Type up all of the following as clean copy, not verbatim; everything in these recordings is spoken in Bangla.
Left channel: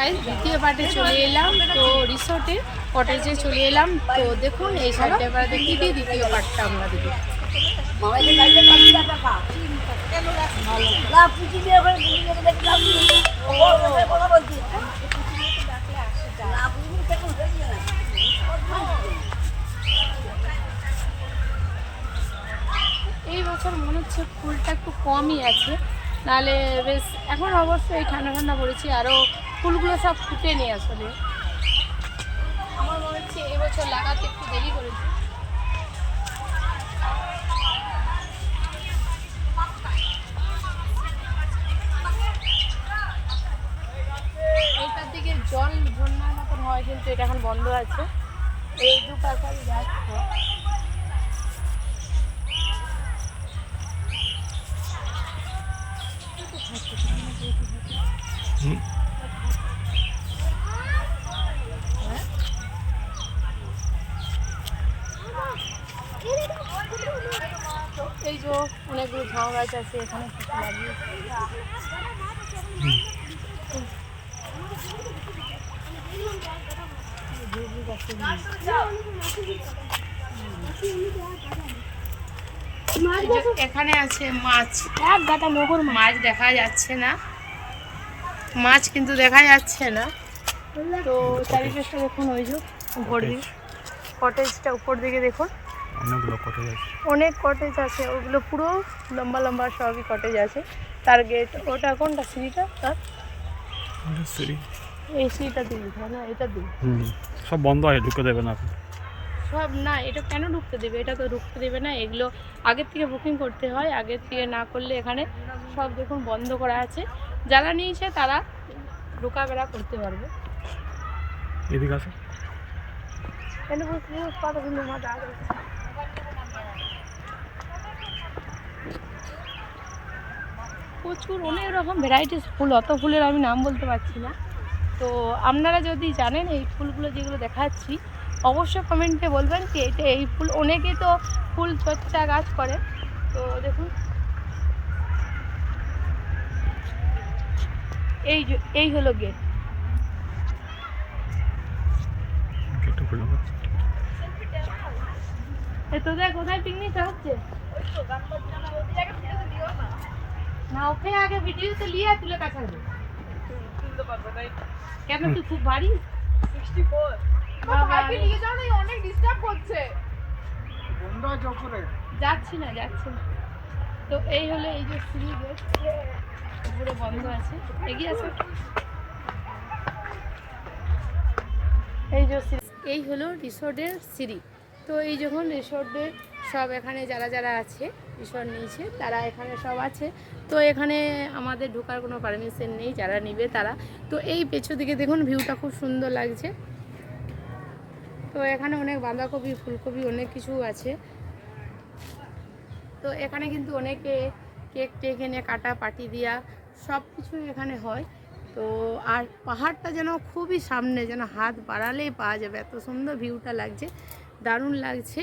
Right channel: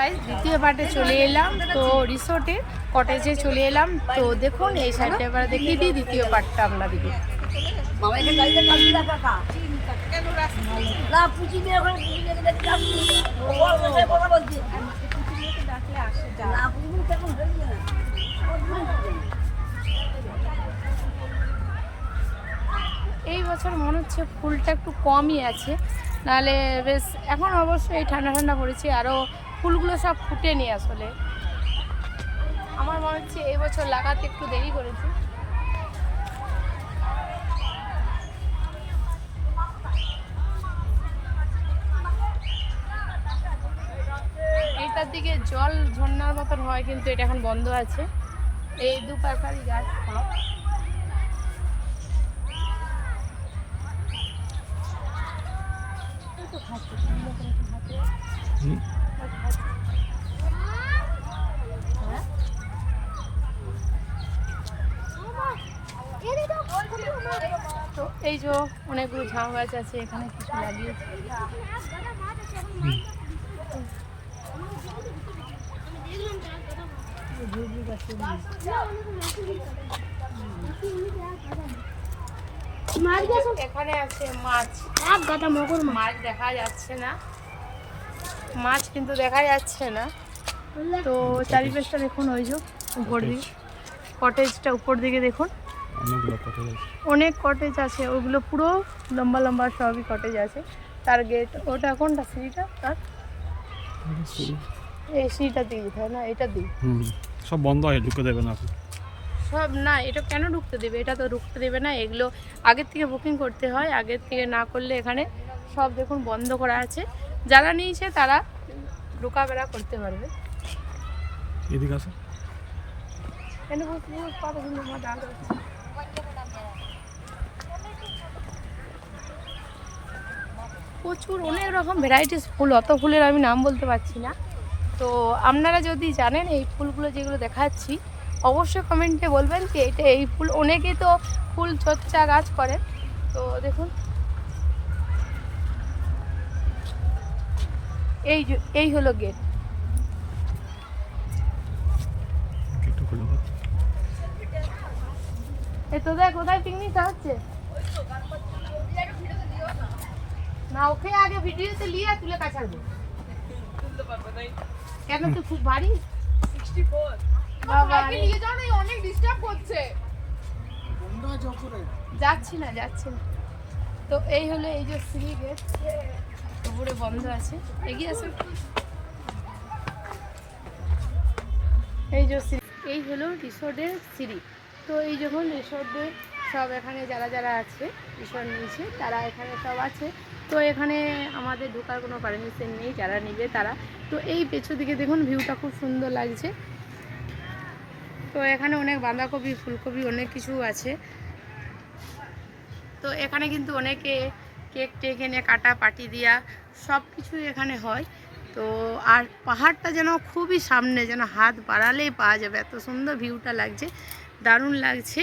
গাইস দ্বিতীয় পার্টে চলে এলাম। তো রিসোর্টে কটেজে চলে এলাম। তো দেখুন এই সাইডে আবার দেখিয়ে দিই দ্বিতীয় পার্টটা আপনাদেরকে। এই বছর মনে হচ্ছে ফুলটা একটু কমই আছে, নাহলে বেশ এখন অবশ্যই ঠান্ডা ঠান্ডা পড়েছে, আরও ফুলগুলো সব ফুটে নিয়ে আসলে আমার মনে হচ্ছে এই বছর লাগাতে একটু দেরি করেছে। এইটার দিকে জল ঝর্ণার মতন হয়, কিন্তু এটা এখন বন্ধ আছে। এই দুপাশারি গাছ সব তো এই যে অনেকগুলো ঝাউ গাছ আছে এখানে কিছু লাগিয়েছে। এখানে আছে মাছ, এক গাদা মগুর মাছ দেখা যাচ্ছে না, মাছ কিন্তু দেখা যাচ্ছে না। তো চারিপাশটা দেখুন, ওই যে কটেজটা উপর দিকে দেখুন, অনেকগুলো কটেজ আছে, অনেক কটেজ আছে, ওগুলো পুরো লম্বা লম্বা সবই কটেজ আছে। তার গেট ওটা কোনটা সিঁড়িটা, তার সিঁড়ি এই সিঁড়িটা দিয়ে দিতে হয় না, এটা দিই সব বন্ধ আছে, ঢুকে দেবে না সব। না এটা কেন ঢুকতে দেবে, এটা তো ঢুকতে দেবে না, এগুলো আগের থেকে বুকিং করতে হয়, আগের থেকে না করলে এখানে সব দেখুন বন্ধ করা আছে। যারা নিয়েছে তারা ঢোকাবেড়া করতে পারবে। এদিকে আসো, প্রচুর অনেক রকম ভ্যারাইটিস ফুল, অত ফুলের আমি নাম বলতে পারছি না। তো আপনারা যদি জানেন এই ফুলগুলো যেগুলো দেখাচ্ছি অবশ্যই কমেন্টে বলবেন কি এটা এই ফুল। অনেকে তো ফুল চর্চা গাছ করে। তো দেখুন এই হলো গেট। এই তো দেখ কোথায় পিকনিকটা হচ্ছে না, ওকে আগে ভিডিওতে লিয়ে তুলে কাছাড়বো কেন, তুই খুব ভারী। বাবা যাচ্ছি না। তো এই হলো এই যে সিঁড়ি গেট, উপরে বন্ধ আছে, এগিয়ে আসো। এই যে এই হলো রিসোর্টের সিঁড়ি। তো এই যখন রিসোর্টে সব এখানে যারা যারা আছে রিসোর্ট নিয়েছে তারা এখানে সব আছে। তো এখানে আমাদের ঢোকার কোনো পারমিশন নেই, যারা নেবে তারা। তো এই পেছন দিকে দেখুন ভিউটা খুব সুন্দর লাগছে। তো এখানে অনেক বাঁধাকপি ফুলকপি অনেক কিছু আছে। তো এখানে কিন্তু অনেকে কেক টেক এনে কাটা পাটি দিয়া সব কিছুই এখানে হয়। তো আর পাহাড়টা যেন খুবই সামনে, যেন হাত বাড়ালেই পাওয়া যাবে, এত সুন্দর ভিউটা লাগছে, দারুণ লাগছে।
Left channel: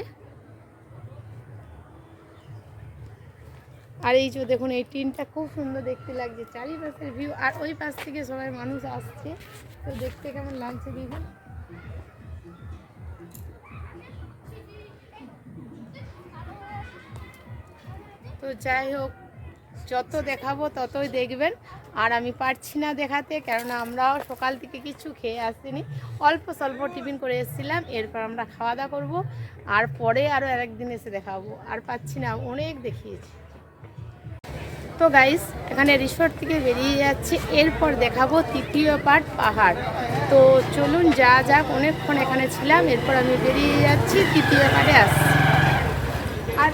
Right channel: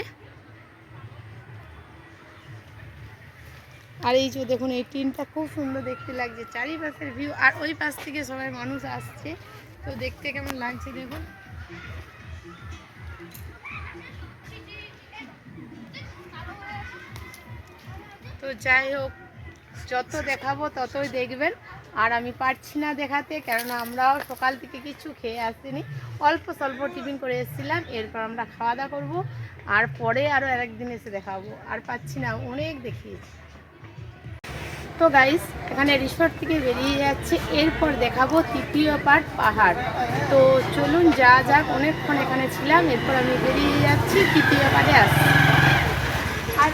আর এই যে দেখুন এই টিনটা খুব সুন্দর দেখতে লাগছে, চারিপাশের ভিউ। আর ওই পাশ থেকে সবাই মানুষ আসছে, তো দেখতে কেমন লাগছে দেখুন। তো যাই হোক, যত দেখাবো ততই দেখবেন, আর আমি পারছি না দেখাতে, কেননা আমরাও সকাল থেকে কিছু খেয়ে আসিনি, অল্প স্বল্প টিফিন করে এসেছিলাম। এরপর আমরা খাওয়া দাওয়া করবো, আর পরে আরও আরেকদিন এসে দেখাবো, আর পাচ্ছি না, অনেক দেখিয়েছি। তো গাইস এখানে রিসোর্ট থেকে বেরিয়ে যাচ্ছে, এরপর দেখাবো তৃতীয় পার্ট পাহাড়। তো চলুন যা যাক, অনেকক্ষণ এখানে ছিলাম, এরপর আমি বেরিয়ে যাচ্ছি, তৃতীয় পার্টে আসছি। আর